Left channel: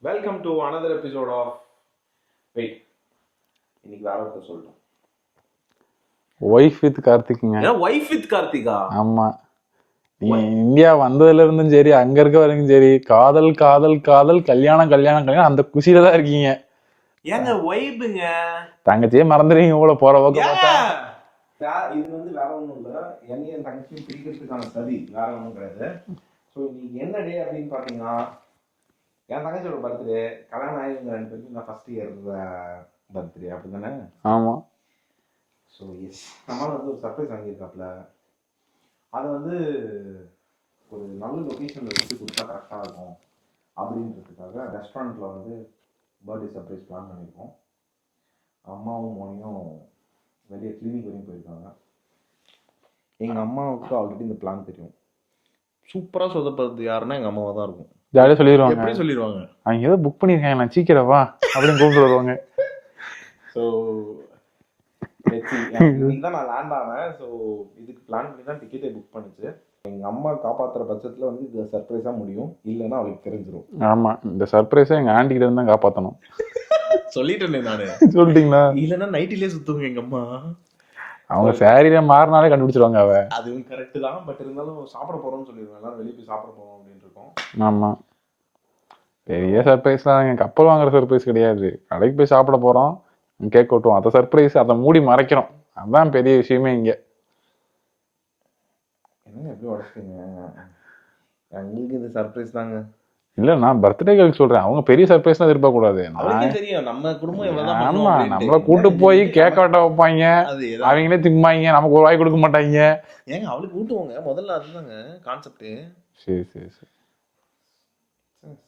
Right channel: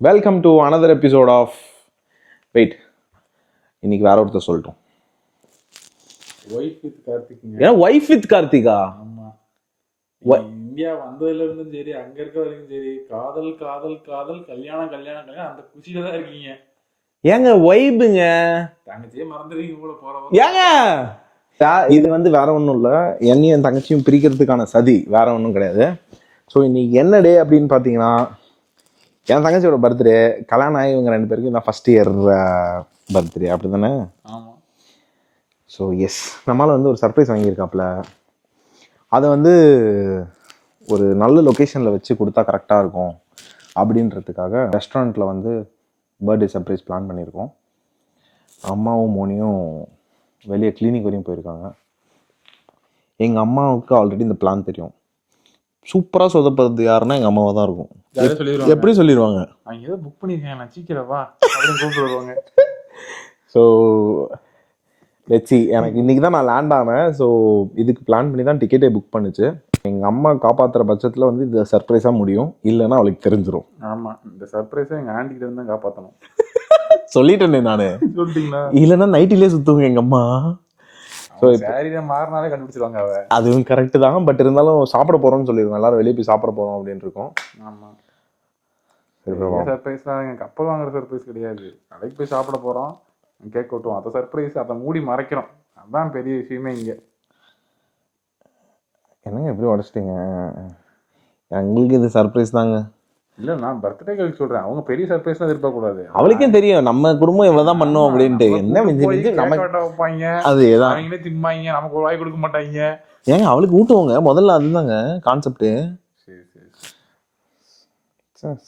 Welcome to another episode of wait இன்னைக்கு வேற ஒருத்தர் சொல்லிட்டோம். ஒய்ஃப் வித் கார்த்திக்ங்க. ஏன்னா ஒய்ஃப் வித் கார்த்திகா? ஆமா. நீங்க இந்தியா வந்ததுல இருந்தும் சரி அங்க இருக்க வரைக்கும் சரி காதல் காதல் காதல் கல்யாணம் கல்யாணம் கல்யாணம் அந்த குஷியில தான் இருக்கீங்க. ஏங்க ஒய்புங்க தங்கச்சியே மறந்துடுவீங்க கூட போற ஏங்க! இது வந்து வேற ஒன்றும் இல்லை. என்னையும் என் தங்கச்சியும் பிரிக்கிறதுக்கான சதி வேற ஒன்றும் கிடையாது. ஸோ இன்னைக்கு என்ன டே அப்படின்னு பார்த்தீங்கன்னா என் தங்கச்சியோட பர்த்டே கல்யாணம் ஆகி இவங்க ரெண்டு பேருக்கும் தான் ஃபர்ஸ்ட் இயர் பர்த்டே அப்படி தானே ஆமா. ஸோ எஸ் நம்மளால வந்து ஒரு சர்ப்ரைஸ் வாங்கியிருக்காப்புல. அதை வந்து ஒரு நல்ல லொக்கேஷனில் வச்சு கொடுத்தா கரெக்டாக இருக்கும். அப்படின்றதுக்காக ரெஸ்டாரண்ட்டில் வந்து பர்த்டே சர்ப்ரைஸ் பிளான் பண்ணியிருக்கோம். அம்மாவும் மோனியும் வெளியே கிளினிக் வரையும் போயிருக்காங்க. எங்கள் அம்மாவுக்கு ஆல்ரெடி இந்த பிளான் தெரியும். சூப்பராக சொதப்படுறது யாருன்னா எங்கள் அம்மாவாக தான் இருக்கும். ஜாலியா சொல்லிடுவாங்க எப்படி சொல்லிடுவாங்க அவங்க ஏதோ புக் பண்ணிருக்காங்க நான் சீக்கிரம் வா அப்படின்னு கூப்பிட்டு வருவாங்க. ஸோ லெட்ஸி எனக்கு இன்னைக்கு தான் நான் லேண்ட் ஆனேன். ஸோ இதுக்கு பிளான் பண்ணி தான் டிக்கெட்டே புக் பண்ணுச்சு. எங்கள் அம்மா காப்பாற்றுற பட்சத்தில் வந்து இது சர்ப்ரைஸாக முடியும். இல்லைன்னா அவளுக்கு தெரிஞ்சிரும். ஆமா இந்த சர்ப்ரைஸை எங்க ஆண்டி கிட்ட இருந்து தான் காப்பாத்தணும். சொல்லிட்டேனே நான். சொல்லிட்டீங்களா? இல்லைன்னா நைட்டிலே சுற்றுங்க எங்கள் அம்மா. அவங்க சாரியில மாறினாலே கண்டுபிடிச்சிருவாங்க அவ. அதுவும் கரெக்டு தான் பட் இருந்தாலும் சாப்பிட போகிறோம்னு சொல்லிடுவோம் எல்லாரும் வெளியே போய் சாப்பிட போகிறோம் அப்படின்னு இருக்கோம். ஆமா. பெரிய சர்ப்ரைஸ் தான் எங்க கப்பல் வாங்குற சர்ப்ரைஸ் கிடையாது. கடைக்கு போய் சாப்பிட போறோம் கேக் வெட்டுவோம் அந்த சர்ப்ரைஸ் அதை மூடி மறைக்கிறோம் அதான் பெரிய விஷயமே இங்க. என்னங்க எப்படி உடச்சிட்டீங்க? எங்களுக்கு இது சர்ப்ரைஸ் தாங்க. இல்ல நான் பர்த்டே கேர்ள் சொல்றேன். அவங்க பெரிய சர்ப்ரைஸ் எதிர்பார்க்க கூடாது அவளுக்கே தெரியும். நம்ம குடும்பம் இவ்வளோ தான் பண்ணோம் ஆமா, அப்படின்ட்டு. கூட்டு போய் கேக் வெட்ட வைப்பாங்க. அது அவங்களே திம்பாங்க. நமக்கு ஒரு வாய் கொடுக்க மாட்டாங்க. ஏங்க அவளுக்கு ஊட்டுவோங்க. முதல்ல அதுதாங்க கான்செப்ட் சரி சரி சரி.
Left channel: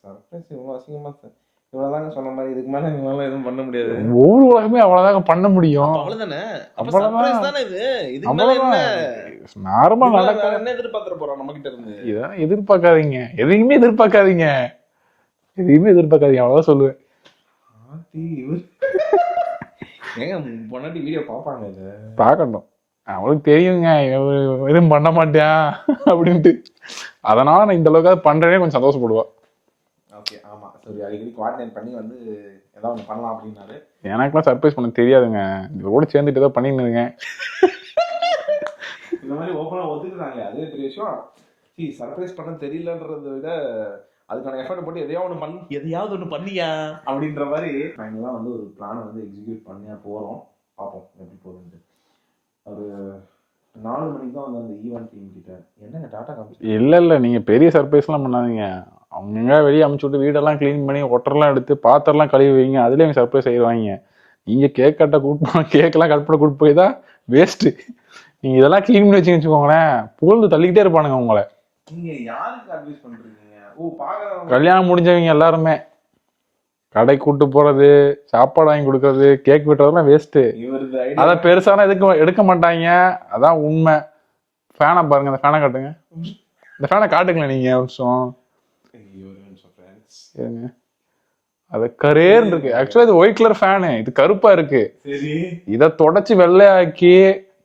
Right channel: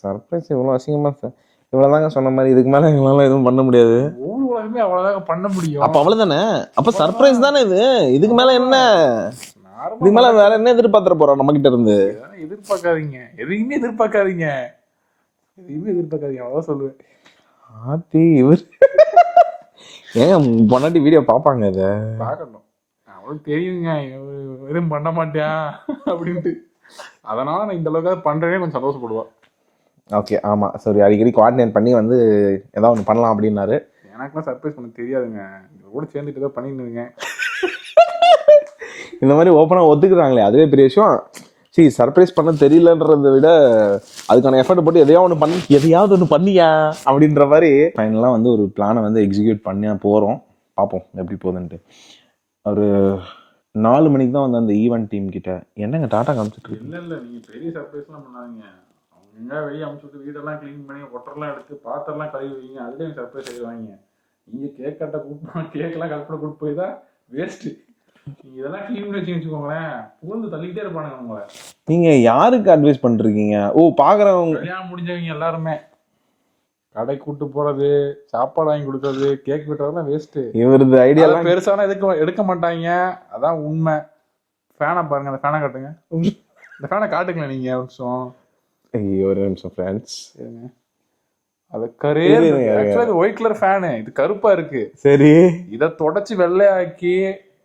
சர்ப்ரைஸ் இவ்வளோ அசிங்கமா சார் இவ்வளோதாங்க சொன்ன மாதிரி இதுக்கு மேலே எங்களால எதுவும் பண்ண முடியாது. ஒவ்வொரு உலகமே அவ்வளவுதாங்க பண்ண முடியும். அப்ப அவ்வளவுதானே? அப்ப சர்ப்ரைஸ் தானே இது? இதுக்கு மேல என்ன? இதுக்கு மேல நார்மலா வேற என்ன எதிர்பார்த்துற போறோம் நம்ம கிட்ட இருந்து எதிர்பார்க்காதீங்க. எதையுமே எதிர்பார்க்காதீங்க. எதையுமே எதிர்பார்க்காதீங்க. அவ்வளவுதான் சொல்லுவேன். ஆத்தி இவர் ஏங்க பொன்னாட்டி வீடியோ பாப்பாங்க இத? பார்க்கட்டும் அவளுக்கு தெரியுங்க. எதுவும் பண்ண மாட்டேன் அப்படின்ட்டு. அதனால நான் இந்த அளவுக்கு பண்றேனே கொஞ்சம் சந்தோஷப்படுவா. ஓகே ஆமா. சரி அடிக்கடி கோஆர்டினேட் பண்ணி வந்து ஏதாவது ஒன்று பண்ணலாம் அப்படின்னாரு. எனக்குலாம் சர்ப்ரைஸ் பண்ண தெரியாதுங்க. இது கூட சேர்ந்துட்டு ஏதோ இருக்கேன். இந்த மாதிரி ஓப்பனாக ஒத்துக்குறாங்களே அதுவே பெரிய விஷயம். சரி சர்ப்ரைஸ் பண்ண தெரியலன்றதை விட அதுக்கான எஃபர்ட் போட்டு எதையாவது ஒன்று பண்ணி எதையாவது ஒன்று பண்ணியா அப்படின்ற மாதிரி. ஃபைனலாக வந்து ஒரு பிளானை வந்து எக்ஸிக்யூட் பண்ணி போகிறோம் பார்ப்போம் எப்படி போகுதுன்ட்டு. ஒரு நாலு மணிக்கு தான் வந்து அந்த ஈவெண்ட் டீம் கிட்ட. என்னங்க டாட்டா காமிச்சு இல்ல இல்ல நீங்க பெரிய சர்ப்ரைஸ்லாம் பண்ணாதீங்க. அவங்க வெளியே அமுச்சு விட்டு வீடெல்லாம் க்ளீன் பண்ணி ஒட்டரெல்லாம் எடுத்து பாத்திரம்லாம் கழுவி வைங்க. அதுலயே அவங்க சர்ப்ரைஸ் செய்வாங்க நீங்க கேக் கட்ட கூட்டு கேக்கெல்லாம் கட் பண்ண கூட்டு போய் தான் வேஸ்ட் நீங்க இதெல்லாம் க்ளீன் பண்ணி வச்சுன்னு வச்சுக்கோங்களேன். புகழ்ந்து தள்ளிக்கிட்டே இருப்பானுங்க உங்களை நீங்கள் யாருக்கு அட்வைஸ் பண்ணிருக்கீங்க? ஓ பார்க்குறவங்க கல்யாணம் முடிஞ்சவங்க எல்லாருமே. கடை கூட்டு போறது சாப்பாடு வாங்கி கொடுக்கறது கேக் வெட்டுறதெல்லாம் வேஸ்ட் இவரது ஐடியா பெருசான எதுக்கு எடுக்க மாட்டாங்க. அதான் உண்மை. ஃபேனை பாருங்க இந்த ஃபேனை காட்டுங்க. இந்த ஃபேனை காட்டுங்களேன் நீங்க ஒரு நிமிஷம். ஐயோ ஒரு நிமிஷம் ஃப்ரெண்ட்ஸ். அது கரேர். ஆக்சுவலா இது ஒயிட் கலர் ஃபேனு இது கருப்பா இருக்கு. சரி. இதை தொடச்சி வெள்ளையாக்கி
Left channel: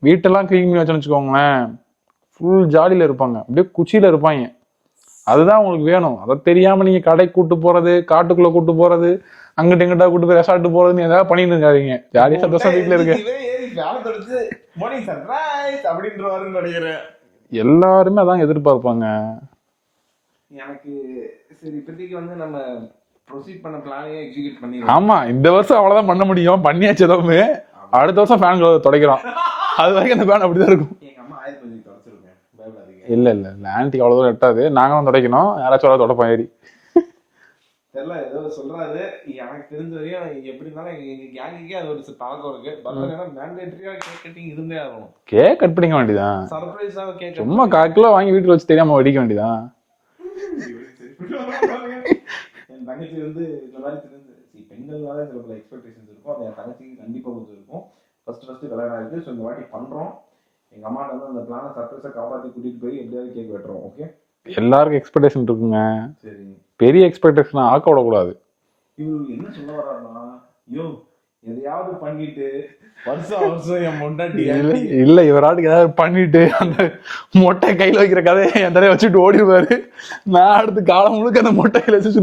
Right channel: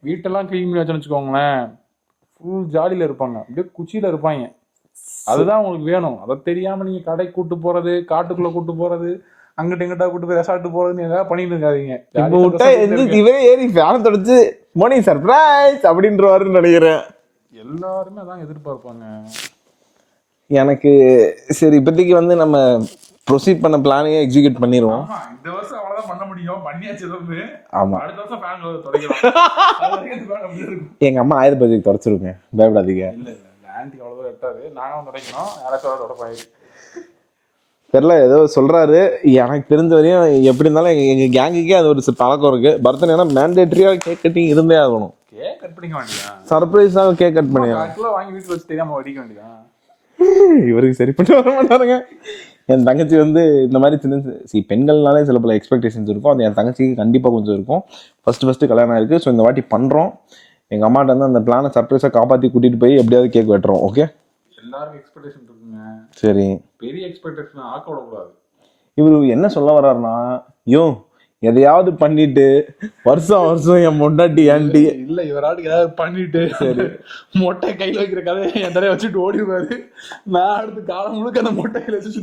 வீட்டெல்லாம் க்ளீன் பண்ணி வச்சோன்னு வச்சுக்கோங்களேன். ஃபுல் ஜாலியில இருப்பாங்க. அப்படியே குச்சியில இருப்பாங்க. அதுதான் உங்களுக்கு வேணும். அதை தெரியாம நீங்க கடை கூட்டு போறது காட்டுக்குள்ள கூட்டு போறது அங்கிட்ட இங்கிட்ட கூட்டு போய் ரெசார்ட் போறதுன்னு ஏதாவது பண்ணிட்டு இருக்காதீங்க. இவரே ஏறி ஃபேன் தொடச்சு மோனி சர்ப்ரைஸ் அப்படின்றவாருன்னு நினைக்கிறேன். எல்லாருமே அதான் எதிர்பார்ப்பாங்க. எனக்கு சரி இப்போதைக்கு வந்து நம்ம ப்ரொசீட் பண்ண பிளானையே எக்ஸிக்யூட் பண்ணிடுவோம் ஆமா இந்த வருஷம் அவ்வளவுதான் பண்ண முடியும். பண்ணியாச்சு எதுவுமே. அடுத்த வருஷம் ஃபேன் துடைக்கிறோம். அது வரைக்கும் அந்த ஃபேன் அப்படிதான் இருக்கும். எங்க அம்மா ஆயிரம் பதிக்கு தொடச்சிருங்க. பயப்படாதீங்க. இல்ல இல்ல இல்ல. ஆன்டிக்கு அவ்வளவு எட்டாது. நாங்களும் துடைக்கணும். யாராச்சும் அவ்வளவு தொடப்போம் ஏறி. தெரியல ஏதோ சொல்றாரு. எனக்கு தெரிஞ்ச வரையும் எப்படி இருந்தாலும் எங்க- எங்க கேங்குக்கே அது ஒரு பழக்கம் இருக்கு. பர்த்டேனா மேண்டேட்டரியா கேக் கட்டிங் இருந்தே ஆகணும். கேக் கட் பண்ணிக்க வேண்டியதான் சர்ப்ரைஸாக கேக் கட் பண்ணி கால் கிலோ வாங்கி வீட்டுல வச்சு தெரியாம வெடிக்க வேண்டியதான் இவருக்கு சரி பண்ணி வர மாட்டாருங்க. என் தங்கச்சி வந்து இந்த மாதிரி சின்ன சி பெண்கள்னாலே சில பல எக்ஸ்பெக்டேஷன்ஸ் இருக்கும். அது என் தங்கச்சிக்கு கண்டிப்பாக கொஞ்சம் இருக்கும். ஃபர்ஸ்ட் ஃபர்ஸ்ட் கல்யாணம் ஆயிருக்கு. ஸோ இந்த வாட்டி பண்ணுறோம் எங்கள் அம்மாட்ட வந்து அந்த பிளானை சர்ப்ரைஸாக காப்பாற்றி கூட்டிகிட்டு போய் எப்படியாவது கேக் வெட்டுறோம். ஓகே எல்லாருக்கும் எக்ஸ்பெக்டேஷன் இருக்குங்க. சரி. பெரிய எக்ஸ்பெக்டேஷன் ஆக்க விடக்கூடாது. இவர் என்ன சொல்ல வர்றாருன்னா யோ எதையாவது பண்ணிட்டு வருஷம் வருஷம் என் முன்னாடி ஆண்டி. இல்ல இவராட்டுக்கு ஏதாவது பண்ணிட்டு மொட்டை கையில வைக்கிற கதையை என் தரைய வச்சுட்டு ஓடிடுவாரு. நான் அடுத்து காலம் முழுக்க அந்த மொட்டை கையில வச்சு.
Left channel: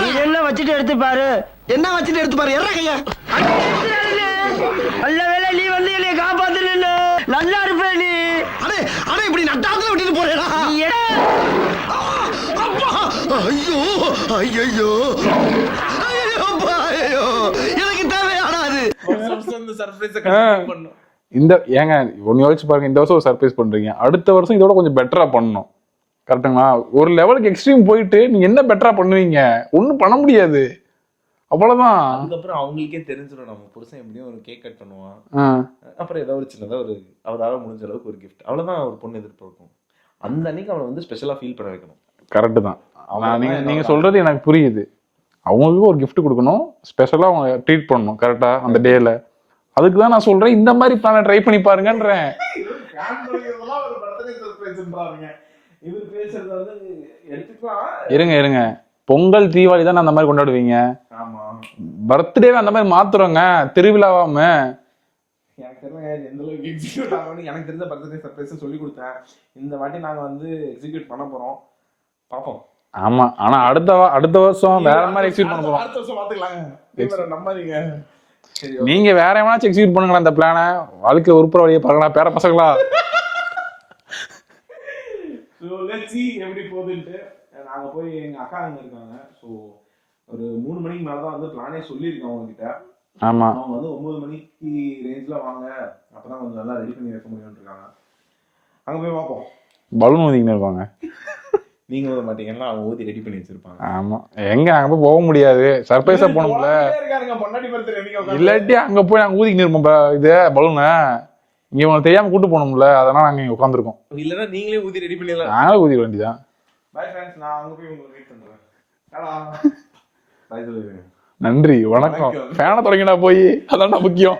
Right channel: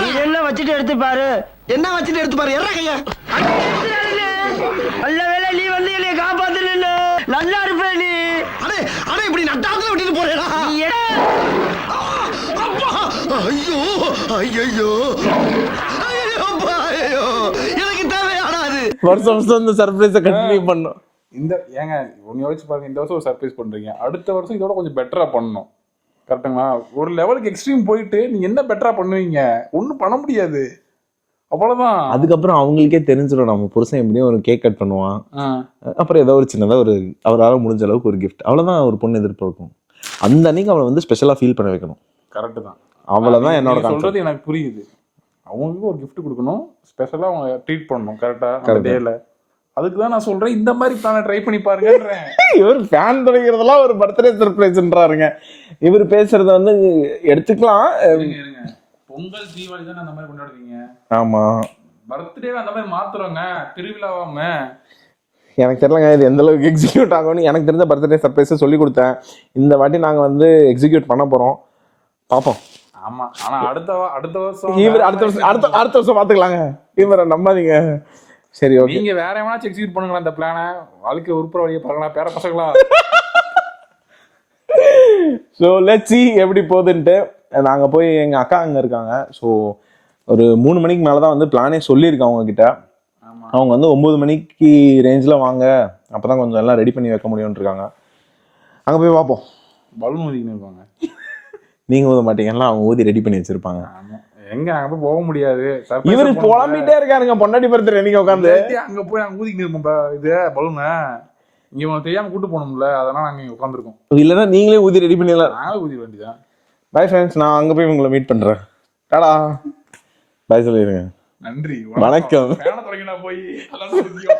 நீ என்ன வச்சுட்டு எடுத்து பாரு என்ன வச்சுட்டு எடுத்து பாரு எற கையா. நல்ல வேளை நீ வந்து என்னை காப்பாத்துன நல்லா. இருப்ப நீ. அடே அடே இப்படி நட்டாத்துல விட்டுட்டு போறேடா நீ எட- அப்பா. ஐயோ ஐயோ ஐயோ எனக்கு தேவையாடா அது வருஷம் வருஷம் இந்த சர்ப்ரைஸை கண்டினியூ பண்ணோம் இந்த ஏங்க ஒன்னு யோசிச்சு பாருங்க இந்த வருஷம் ஒரு சர்ப்ரைஸ் பண்றீங்க. அடுத்த வருஷம் இதோட கொஞ்சம் பெட்டரா பண்ணணும். கரெக்டுங்களா ஒரு லெவலுக்கு எக்ஸ்ட்ரீம் போயிட்டு நீங்க என்ன பெட்டரா பண்ணுவீங்க? ஒண்ணும் பண்ண முடியாது. அவ்வளவுதான். அதுக்கப்புறம் அவங்களுக்கே தெரிஞ்சிடும் நம்ம புருஷன் எப்படியும் ஒரு கேக் கட் பண்ணுவான். அப்புறம் ஏதோ ஒரு சின்னதா ஒரு அவரால் முடிஞ்ச அளவுக்கு ஒரு கிஃப்ட் அவ்வளவுதான் ஒரு பொண்ணு எதிர்பார்க்கும். அந்த அன்னைக்கு அவளை வந்து ஸ்பெஷலா ஃபீல் பண்ண வைக்கணும். கரெக்ட் தான். என்னோட நீங்க சொல்றது எனக்கு புரியுது. அவங்களுக்கு ஒரு gift கொடுக்கணும். ஸ்பெஷலா அவங்க ட்ரீட் பண்ணணும் கரெக்டா அந்த டேல அதுக்கு தான் நான் சொல்றேன் இந்த மாதிரி பிளான ட்ரை பண்ணி பாருங்கன்றேன். இவர் ஃபேன் தொடங்கிறதெல்லாம் ஒரு பர்த்டே சர்ப்ரைஸ்ன்றாருங்க இவர் பேசுறத வந்து எடுத்துக்கலாம். இருங்க இருங்க. பொங்கல் தீபாவளி தான் அந்த மாதிரி கொண்டாடுவீங்க? ஆமா. பர்த்டேவே அந்த மாதிரி மாத்துறோங்க திருவிழாவாம. எனக்கு தெரியலங்க இது எந்த அளவுக்கு எக்ஸிக்யூட் ஆகும்னு. எனக்கு தெரிஞ்ச பர்த்டே சர்ப்ரைஸை சொல்லி கொடுத்தேன். இந்த வாட்டி நாங்க வந்து எக்ஸிக்யூட் பண்ண போறோம். பார்ப்போம் ஆமா. ஆனா அடுத்த அடுத்த வருஷம் அடுத்த அடுத்த வருஷம் பாத்துக்கலாங்க. இவரை நம்பாதீங்க. சரி நீங்க வேற எவனாச்சும் எக்ஸிக்யூட் பண்ணுங்களா இந்த பிளான வாழ்க்கை உருப்புற வழியை பார்க்கலாம் பேர பசங்களா. ஸோ லெட்ஸி எப்படி போகுதுன்ட்டு. நாங்கள் போய் எங்கள் அக்கா அங்கே இருக்காங்க. ஸோ ஒரு மூணு மணிக்கு மேலே தான் வந்து பிளானே சொல்லியிருக்கேன் அவங்க கிட்ட ஆமா. அவங்க வந்து ஒம்பது மணிக்கு ரேஞ்சில் வாங்க. அப்போ தான் கொஞ்சம் எல்லாம் ரெடி பண்ணி வைக்க முடியும்னு இருக்காங்க. அங்கே போய் பார்ப்போம். பலூன் ஊதிக்கின்னு இருப்பாங்க. நீங்கள் ஊத மாட்டீங்கல்ல அவங்க ஊதி ரெடி பண்ணி வச்சிருப்பாங்க. ஆமா. எங்க அங்க போய் போக முடியாது. சர்ப்ரைஸ் குழம்பிட்டே இருக்காருங்க. பொண்டாட்டி பர்த்டே நீங்க உட்காந்து அங்க போய் நாங்க ஊதிக்கின்னு இருப்போம் இது பலூனை. இங்க உங்களுக்கு தெரியாம கூட்டு போகணும்ல அதனால நாங்க இங்க உட்காந்துருக்கோம் இல்லைன்னா நீங்களே ஊதி ரெடி பண்ணிடலாம். நாங்களே ஊதிக்க வேண்டியதான் பை ஃப்ரெண்ட்ஸ் நான் அங்கே போய் உங்களை மீட் பண்ணுறேன் டாடா. பை சொல்லிடுங்க நன்றி. வணக்கம். வணக்கம். ஃபேனை தொடங்கினா போய் அதான் முக்கியம்.